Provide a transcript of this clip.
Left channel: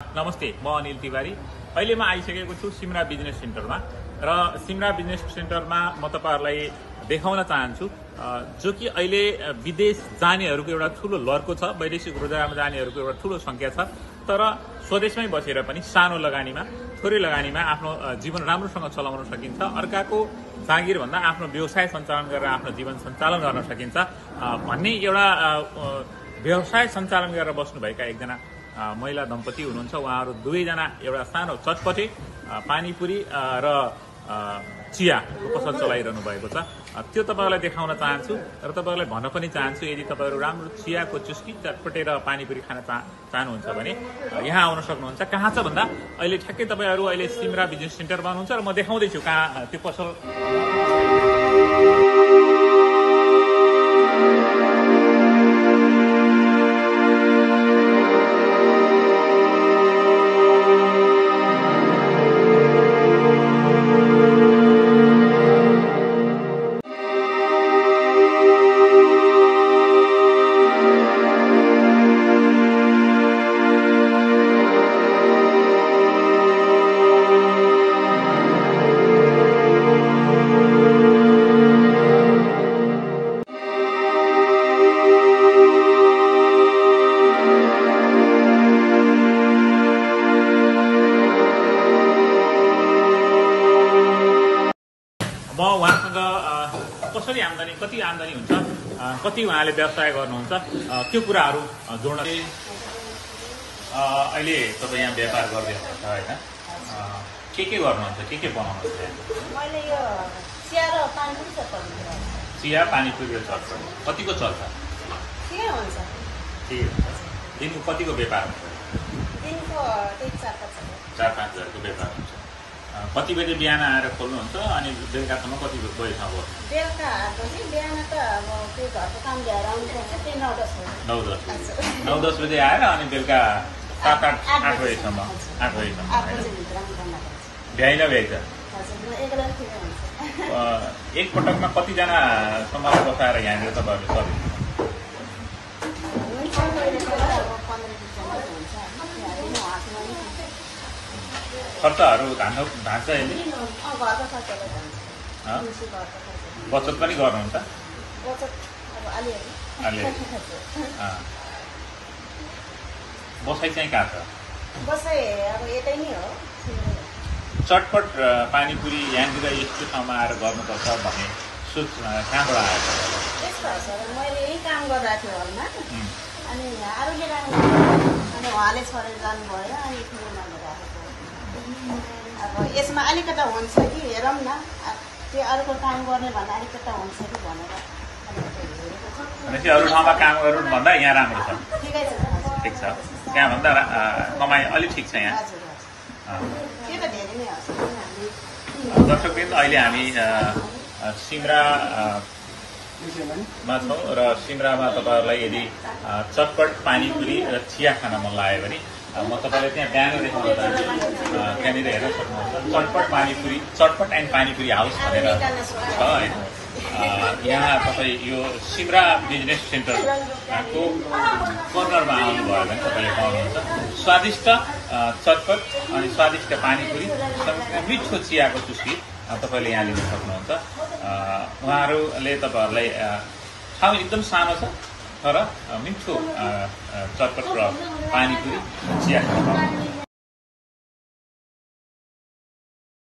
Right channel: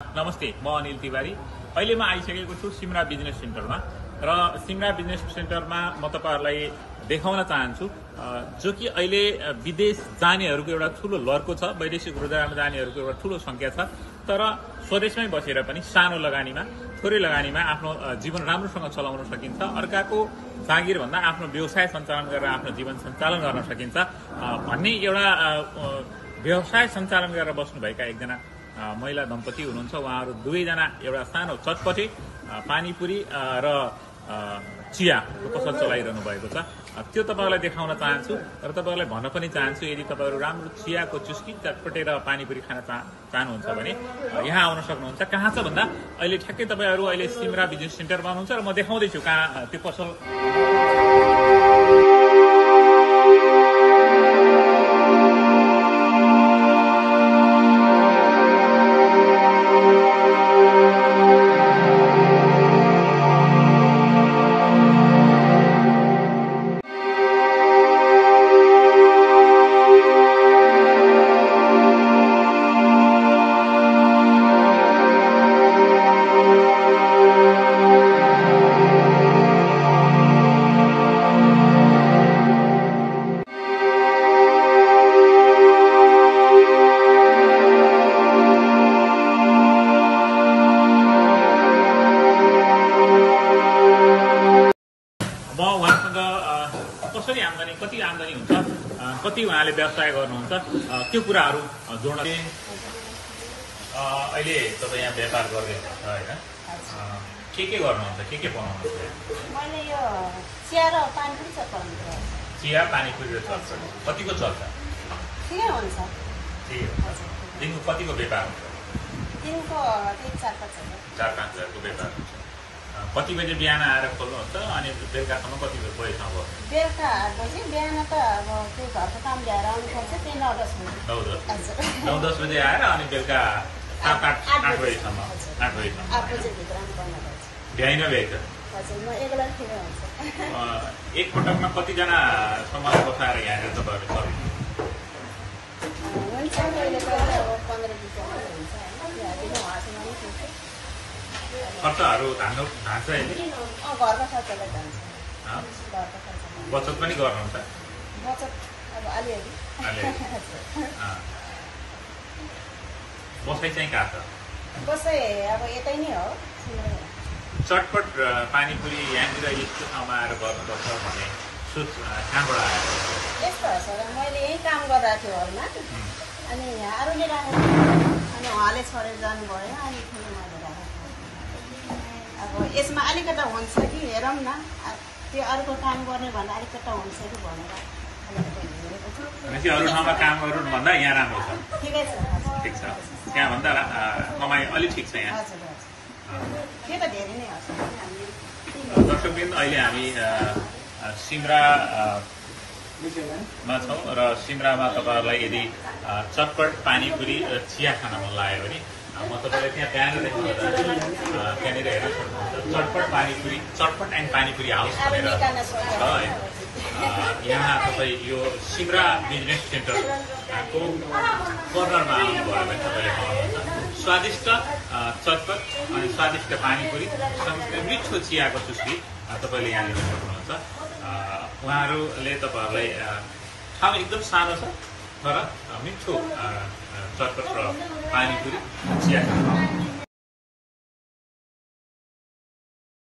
नमस्ते, म अनिल तिवारी। अहिले म आइसकेको छु सिमरा बिजनेस सेन्टरमा र सिमरा बिजनेस सेन्टरमा म तपाईहरुलाई देखाउन चाहन्छु जो कि अहिले विदेश जानेहरुको एउटा ठूलो लर्को छ। वैदेशिक रोजगारमा जानेहरुको एउटा ठूलो संख्या छ। तर स्वदेशमै बसेर पनि सानो लगानीमा, थोरै लगानीमा आफ्नो जीवन राम्रोसँग चलाउन सकिन्छ। अर्काको जागिर भन्दा आफ्नो व्यवसाय सञ्चालन गरेर आफ्नो जीवन सञ्चालन गर्न सकिन्छ भन्ने एउटा व्यवसाय सञ्चालन गरेर बस्नुभएका एकजना महिला दम्पति हुनुहुन्छ। उहाँहरू दुवैजना एउटा सानो चटपटे पानीपुरी र चियाको पसल चलाइरहनु भएको छ। त्यो तपाईहरुलाई देखाउन चाहन्छु र तपाईहरुलाई भन्न पनि चाहन्छु, यदि तपाईहरु राम्रो चियाको चुस्की, चटपटे र पानीपुरी खान चाहनुहुन्छ भने यहाँ आउन सक्नुहुन्छ। कहाँ छ भन्दा अहिले ठ्याक्कै तपाईहरु अहिले सिमरा बिजनेस सेन्टरमा हुनुहुन्छ र म देखाउँदै छु कहाँ त्यो पसल। म उहाँसँग कसरी आम्दानी, कति आम्दानी हुन्छ, कति उहाँले व्यवसाय गर्नुहुन्छ त्यो कुराहरू जोड्न। अहिले तपाईँ यहाँ व्यापार गर्दै हुनुहुन्छ होइन? के गर्नुहुन्छ, के बनाउनुहुन्छ? मैले यो चिया र पानीपुरी चल्छ। चिया पानीपुरी चल्छ। कतिको चल्छ? ठिकै हुन्छ। ठिकै हुन्छ। दिनको कतिको व्यापार हुन्छ? दिनको 4-5 हजार। 4-5 हजारको व्यापार हुन्छ। कति बजे बिहान आएर खोल्नुहुन्छ अनि बेलुकासम्म कति बजे कोही ठाउँ गर्नु? बेलुका 8 बजे। बिहान त अब त्यो घरको काम भ्याएर आउनुपर्छ, त्यो 9-10 बजे। 9-10 बजे आएर अनि बेलुका 7-8 बजेसम्म। 8 बजेसम्म। 8 बजेभित्र बन्द गर्छ। भ्याइन भ्याइन्छ। हजुर, म एक्लै ठिकै हुन्छ। एक पटकमा कतिजना समाज बसाएर यहाँनिर तपाईँहरूले सर्भिस हुन्छ, कहिले कहिले अब 15-20 हजार हुन्छ होइन? हातमा नि हुन्छ। खर्चहरू धान्छ नि? घरको खर्चलाई जान्छ। घरको खर्च बचत पनि गर्नुहुन्छ? बचत अब अलिअलि। बसाइ चाहिँ कहाँ छ? बसाइ अब यतै नै हो। चटपट पानीपुरी यहाँनिर यस्तो ठाउँमा आएर गर्नुपर्छ भन्ने सोच कहाँबाट आयो? यस्तो हो सर, मैले यहीँ काम गरिरहेको थिएँ हलमा, अनि अरूले राखेको अनि उहाँले छोडेर जानुभयो, अनि फेरि मैले राखेको। अब यसमा अलिकता हुन्छ कि हेरौँ न, त्यो अर्को काम गर्ने भन्दा अलिकता हुन्छ कि भनेर अलिकति हेरेको छु। भनेपछि अरू ठाउँमा काम गरौँ भन्दा यहाँ राम्रो छ? ठिकै छ। ठिक छ। त्यहाँभन्दा कमाइ अलिक ठिक छ यहाँ? हजुर हजुर, त्यो त धेरै नै हो। दर्शकवृन्द, अहिले हामी सिमरामा छौँ र सिमरामा तपाईँहरूलाई यदि चटपट पानीपुरी र चिया खान मन लाग्यो भने म तपाईँलाई त्यहाँ ब्यानर देखाउन चाहन्छु। त्यहाँनिर हेर्न सक्नुहुन्छ चटपट एन्ड पानीपुरी हाउस भनेर छ होइन? यहाँ तपाईँ यो सिमरा बिजनेस सेन्टरको कर्नरमा आउनुभयो भने तपाईँले पाउनुहुन्छ स्वादिष्ट चटपट अनि स्वादिष्ट पानीपुरी, मिठो चियाको चुस्की तपाईँले यहाँ लिन सक्नुहुन्छ। उहाँहरूले तपाईँहरूलाई ठाउँ एकदम सानो छ तर मिठो चटपट र पानीपुरी चिया खान